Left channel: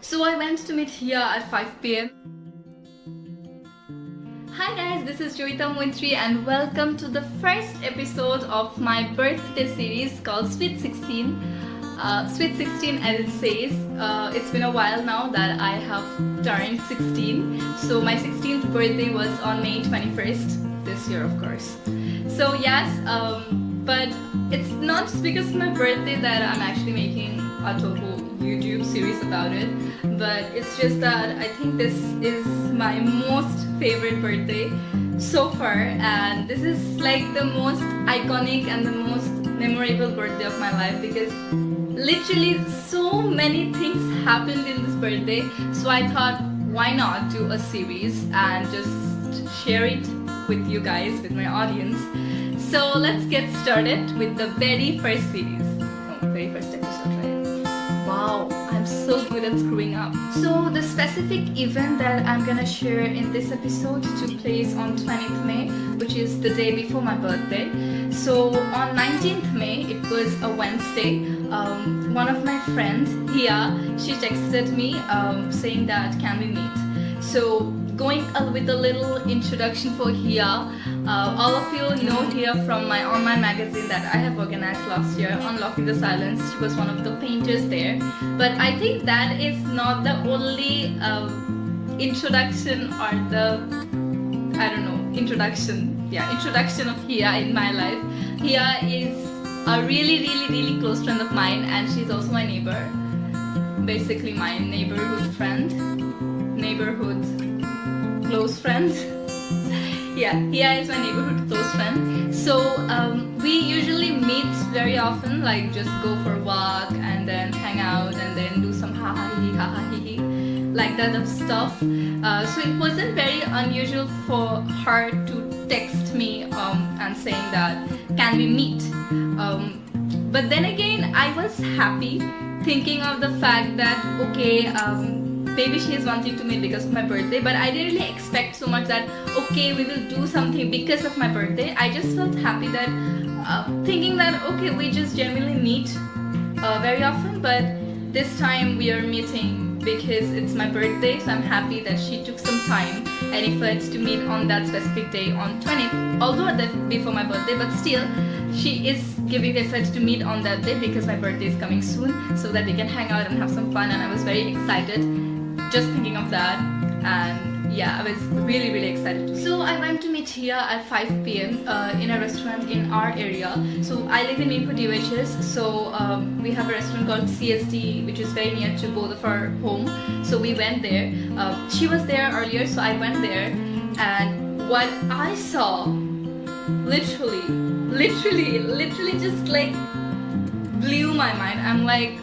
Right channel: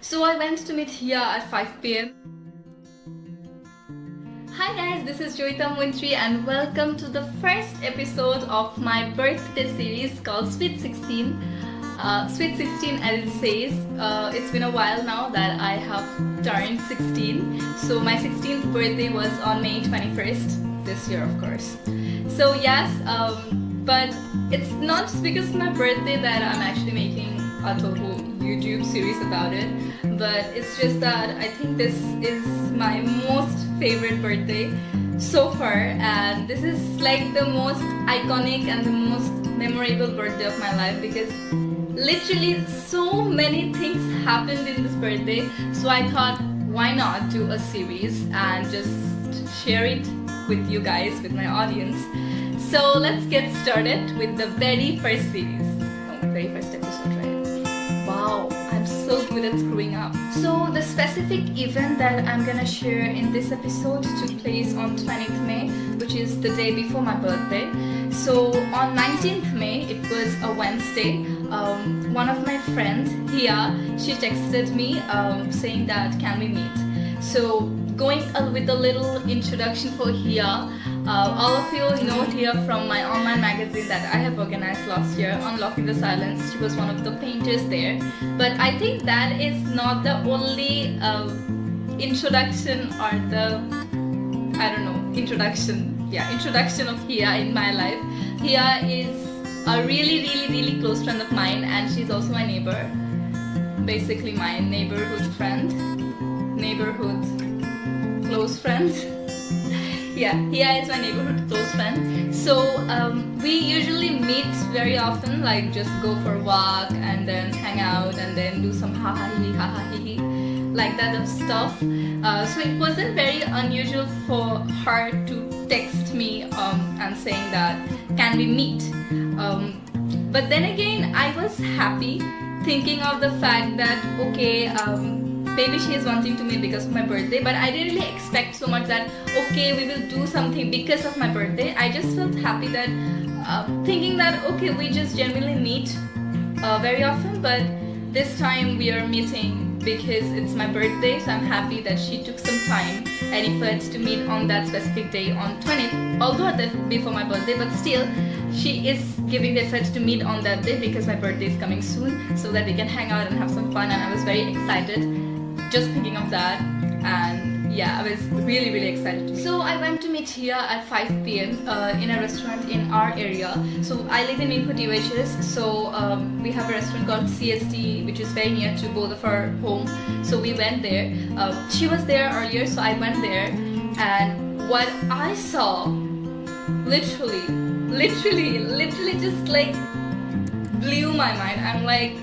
So I went to meet Hia at 5 p.m. Hi guys, this is Joita Mointri and welcome to the first episode of my birthday series called Sweet 16. Sweet 16 as it says. It's been a while now that I have turned 16. So my 16th birthday was on May 21st this year, of course. So yes, but it's not just because of my birthday that I'm actually making a total YouTube series about it, but it's just that I think this is my most favorite birthday so far, and this is like the most iconic and the most memorable birthday of my life because literally so many things happened in this birthday. So I thought, why not do a series and just share it with you guys, with my audience. So let's get started with the very first series. Oh, very first episode, right? Wow, I'm so good at screwing up. So the specific event that I'm gonna share in this episode took place on 20th May, which is the day before my birthday. So on 19th May, it was a Wednesday. One of my friends, Hia, she texted me saying that can we meet? So going with a little introduction for Hia, all of you know Hia from my online magazine that I have organized last year, Unlocking the Silence. She was one of the painters there. But I think that is not the only introduction or the, I don't know, introduction of Hia in my life. Hia is a really close friend of mine, and she's also my neighbor. Basically my neighborhood close friend. Yeah, Hia is my neighborhood close friend. So we usually meet very often, like just go for a walk and then hang out and then do some ha ha hee like that of stuff. So it wasn't very unusual for her to text me and saying that can we meet. But then again, I was happy thinking of the fact that okay, maybe she is wanting to meet because of my birthday, but I didn't really expect so much that okay, we will do something because of my birthday. I just felt happy that thinking that okay, we just genuinely meet very often, but this time we are meeting because it's my birthday. So I'm happy that she took some time and effort to meet on that specific day on 20th, although that would be for my birthday, but still she is giving the effort to meet on that day because my birthday is coming soon, so that we can hang out and have some fun. And I was very excited just thinking of that, and yeah, I was really excited to meet. So I went to meet Hia at 5 p.m. In a restaurant in our area. So I live in Maypur DOHS, so we have a restaurant called CSD which is very near to both of our home. So we went there. She was there earlier, so I went there, and what I saw literally just like blew my mind. I'm like,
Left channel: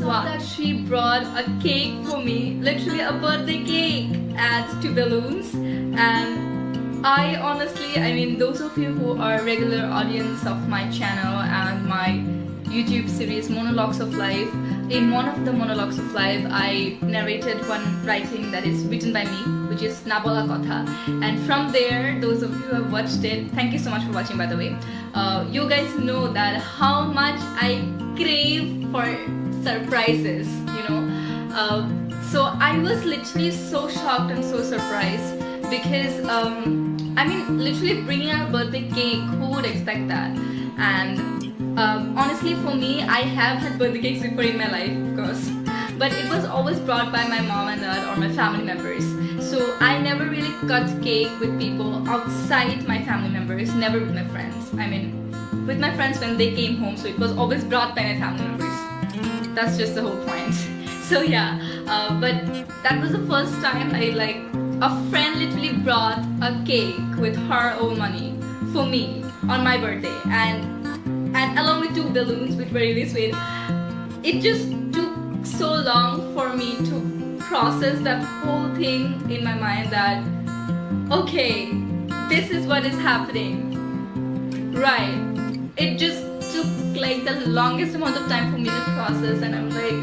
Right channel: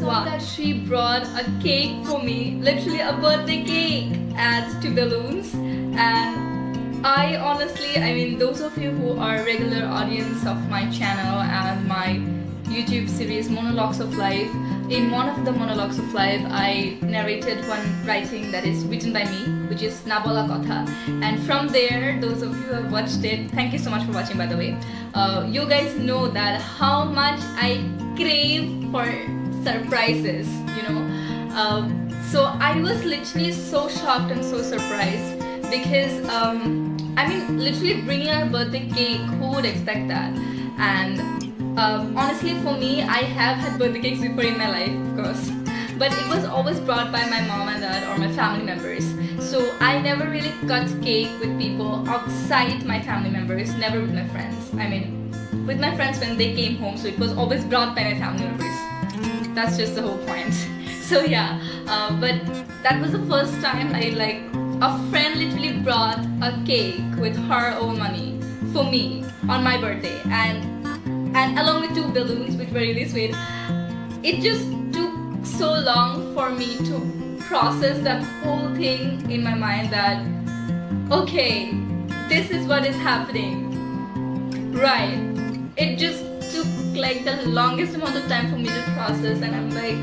wow. That she brought a cake for me, literally a birthday cake, adds to balloons. And I honestly, I mean, those of you who are regular audience of my channel and my YouTube series Monologues of Life, in one of the Monologues of Life I narrated one writing that is written by me, which is Nabola Kotha, and from there, those of you who have watched it, thank you so much for watching, by the way. You guys know that how much I crave for surprises, you know. So I was literally so shocked and so surprised because I mean, literally bringing a birthday cake, who would expect that? And honestly, for me, I have had birthday cakes before in my life, of course, but it was always brought by my mom and dad or my family members. So I never really cut cake with people outside my family members, never with my friends. I mean, with my friends when they came home, so it was always brought by my family members. That's just the whole point. So yeah, but that was the first time a friend literally brought a cake with her own money for me on my birthday, and along with 2 balloons which were really sweet. It just took so long for me to process that whole thing in my mind that okay, this is what is happening, right? It just took like the longest amount of time for me to process, and I'm like,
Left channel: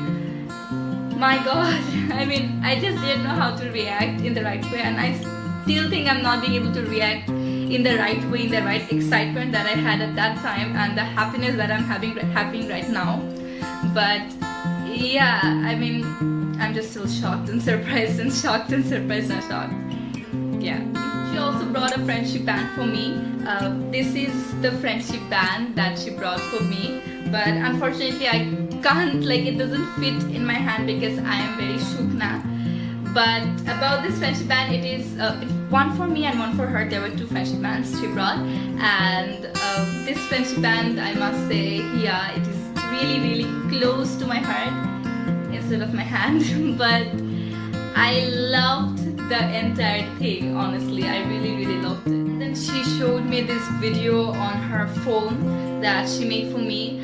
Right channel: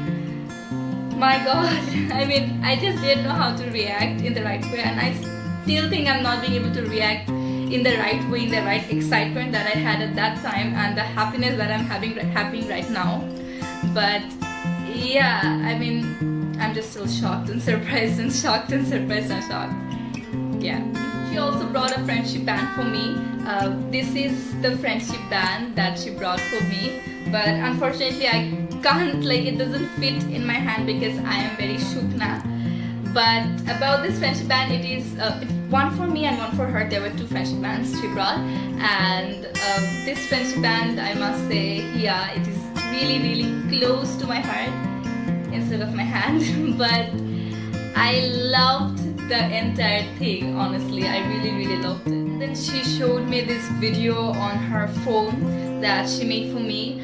my god. I mean, I just didn't know how to react in the right way, and I still think I'm not being able to react in the right way, in the right excitement that I had at that time and the happiness that I'm having right now. But yeah, I mean, I'm just still shocked and surprised and shocked and surprised and shocked. Yeah. She also brought a friendship band for me. This is the friendship band that she brought for me, but unfortunately I can't, like, it doesn't fit in my hand because I am very shukna. But about this friendship band, it is one for me and one for her. There were two friendship bands she brought, and this friendship band, I must say, yeah, it is really, really close to my heart instead of my hand. But I loved the entire thing, honestly. I really, really loved it. And then she showed me this video on her phone that she made for me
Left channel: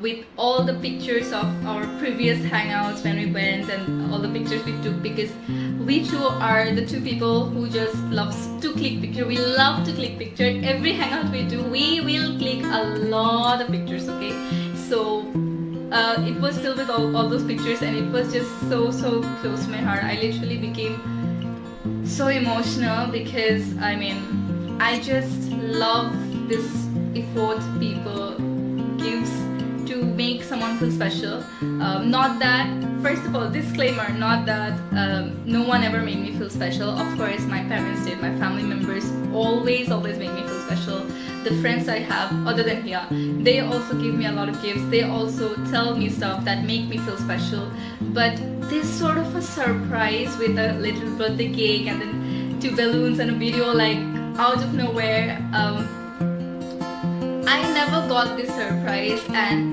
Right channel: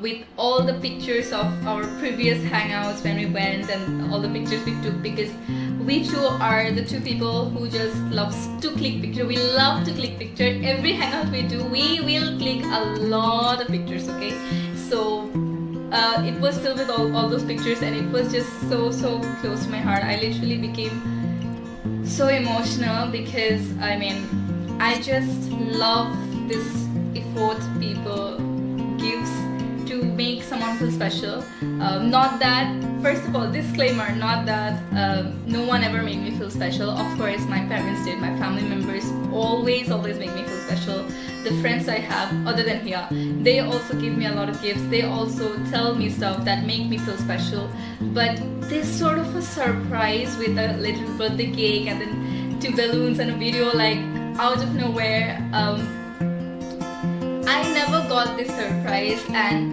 with all the pictures of our previous hangouts when we went, and all the pictures we took, because we two are the two people who just loves to click picture. We love to click picture. Every hangout we do, we will click a lot of pictures, okay? So it was filled with all those pictures, and it was just so close to my heart. I literally became so emotional because, I mean, I just love this effort people gives to make someone feel special. Not that, first of all, disclaimer, not that no one ever made me feel special. Of course my parents did, my family members always make me feel special. The friends I have other than here, they also give me a lot of gifts. They also tell me stuff that make me feel special. But this sort of a surprise with a little birthday cake and then 2 balloons and a video, like, out of nowhere, I never got this surprise. And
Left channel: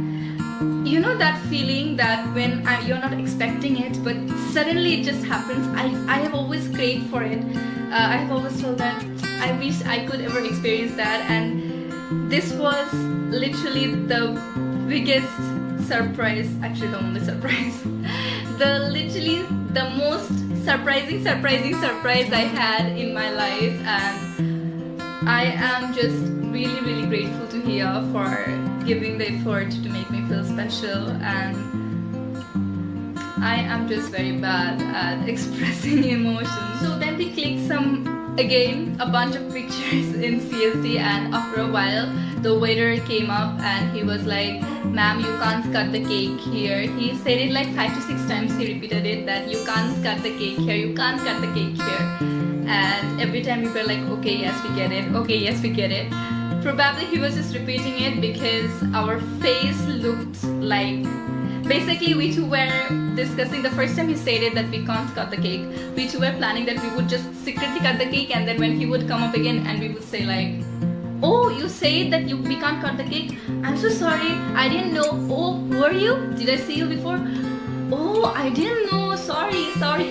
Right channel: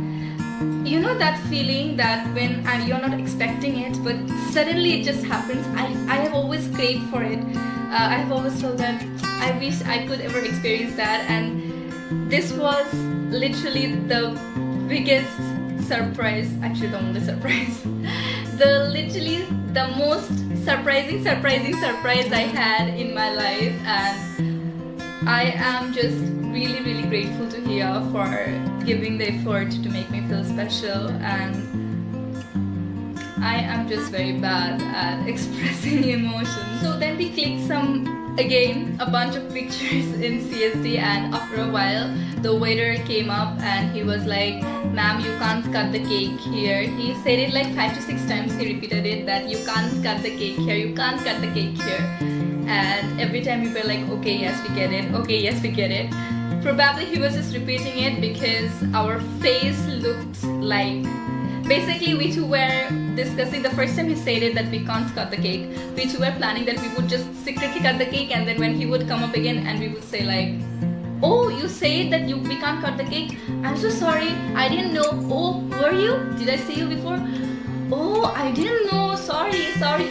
you know that feeling that when you're not expecting it, but suddenly it just happens. I have always craved for it. I have always felt that I wish I could ever experience that, and this was literally the biggest surprise, actually the only surprise, literally the most surprising surprise I had in my life. And I am just really grateful to Hia for giving the effort to make me feel special, and I am just very bad at expressing emotions. So then we clicked a bunch of pictures in CSD, and after a while the waiter came up and he was like, "Ma'am, you can't cut the cake here." He said it like 5 to 6 times. He repeated it, that you can't cut the cake here, you can't cut the cake here. And every time we were like, okay, yes, we get it, okay, yes, we get it. Probably he was just repeating it because our face looked like, basically we two were discussing, the first time he said it that we can't cut the cake, we two were planning that we would just secretly cut the cake, and then when he would come up again and we would say like, "Oh, you said that we can't cut the cake? I'm so sorry, I didn't know. Oh, who are you? Did I see you before? Oh, I didn't know, sorry."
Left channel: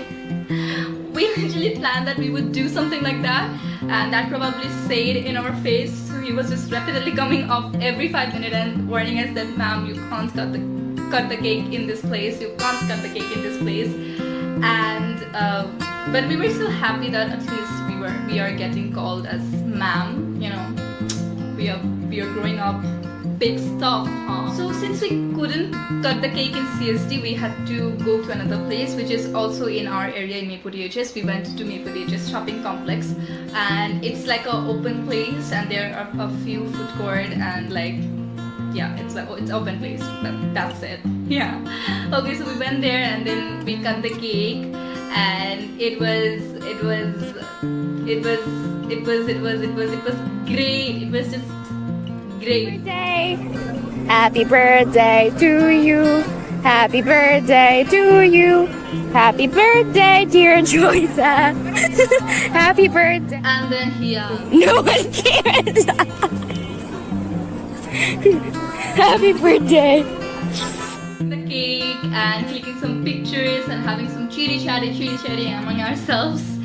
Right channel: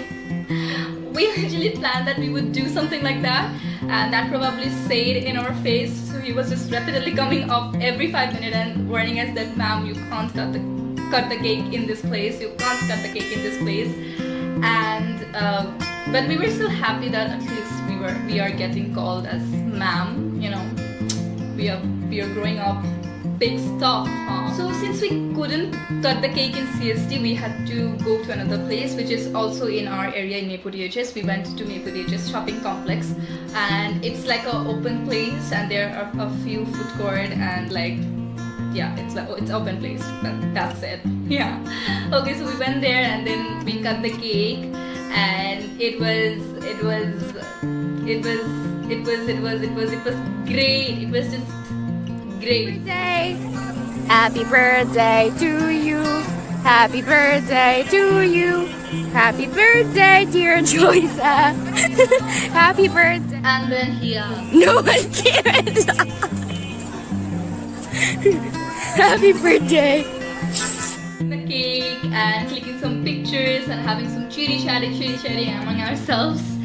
We literally planned that we would do something like that, and that probably stayed in our face. So he was just repeatedly coming up every 5 minutes and warning us that, "Ma'am, you can't cut the cake in this place, you can't cut the cake in this place." And but we were still happy that at least we are getting called as ma'am, you know, we are growing up. Big stuff, huh? So since we couldn't cut the cake in CSD, we had to go to another place, which is also in our area in Maypur DHS. We went to Maypur DHS shopping complex, and it's like an open place, and there are a few food court, and like, yeah, it's like, oh, it's open place. That's it. Yeah. Okay, so we went there and then we cut the cake, and it was great. It was just great. Birthday. Happy birthday to you. Happy birthday to you. Happy birthday, dear Joyza. Happy birthday. And then here. No one cares. Happy birthday. The cake and clicking some pictures and having some chitty chatty among ourselves.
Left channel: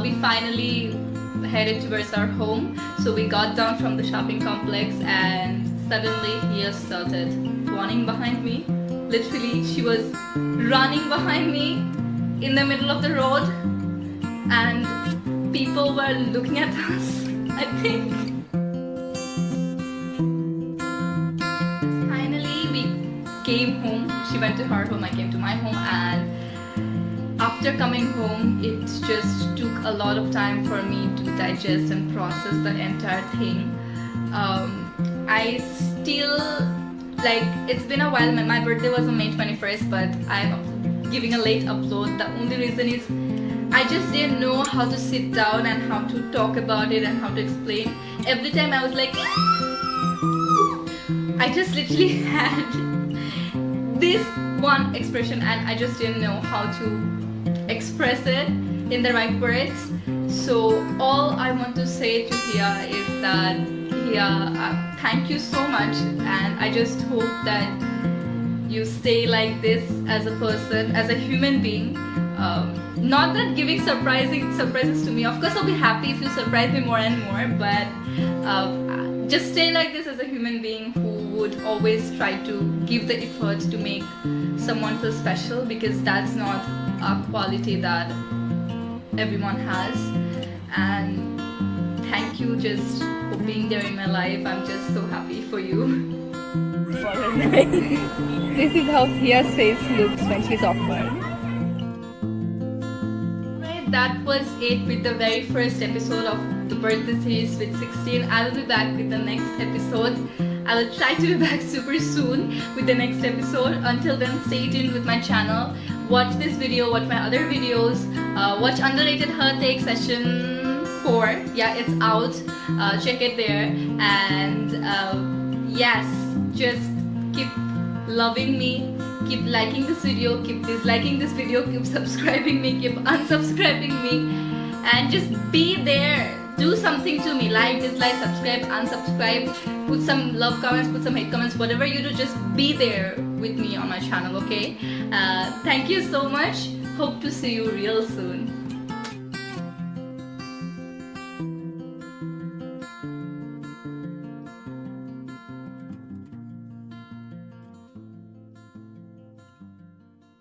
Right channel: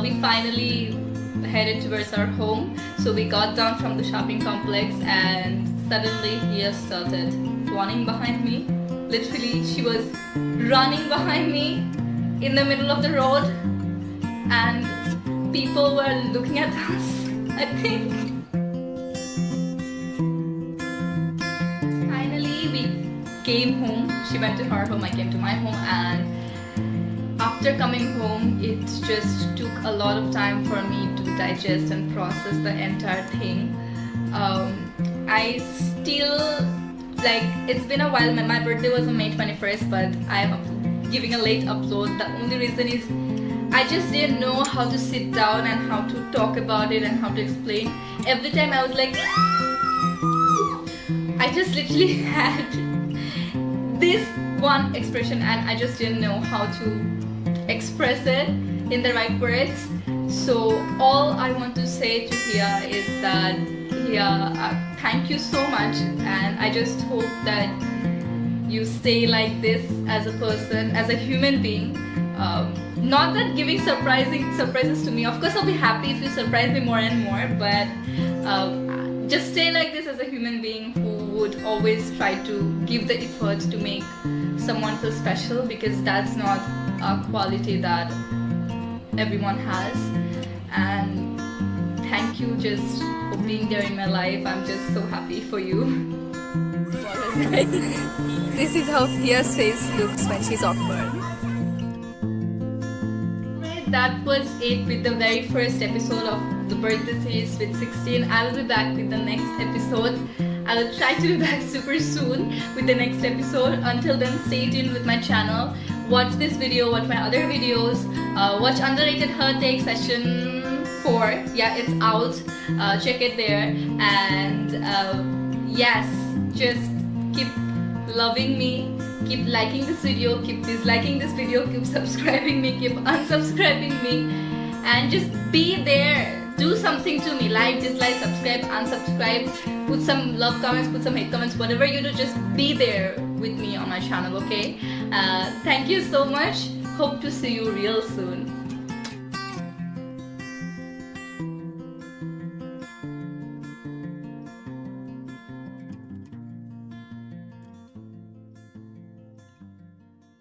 We finally headed towards our home. So we got down from the shopping complex, and suddenly Hia started running behind me. Literally, she was running behind me in the middle of the road, and people were looking at us, I think. Finally, we came home. She went to her home, I came to my home, and after coming home, it just took a lot of time for me to digest and process the entire thing. I still like it's been a while. My birthday was on May 21st, but I'm giving a late upload. The only reason is I just didn't know how to sit down and how to talk about it and how to explain. Every time I was like, I just literally had this one expression and I just didn't know how to express it in the right words. So all I want to say to Hia is that Hia, thank you so much, and I just hope that you stay like this as a person, as a human being. Not that giving surprises to me. Of course, I'll be happy if you surprise me more and more, but just stay like this as a human being who would always try to give the effort to make someone feel special, because that's not a quality that everyone has. And thank you just for being there in my life. I'm just so happy for you. This is how Hia's face looks when she's awkward. Right, that was it with the very first episode of the birthday series with 16. I will be back with the next episode. I will try to be back super soon with the next episode. Until then, stay tuned with my channel. Watch this video, watch my other videos, watch Underrated Her Take Session 4. Yeah, it's out. Check it there. And yes, just keep loving me, keep liking this video, keep disliking this video, keep subscribing me, keep unsubscribing me, and just be there. Do something to me. Like, dislike, subscribe, unsubscribe, put some love comments, put some hate comments, whatever you do, just be there with me on my channel, okay? Thank you so much. Hope to see you real soon.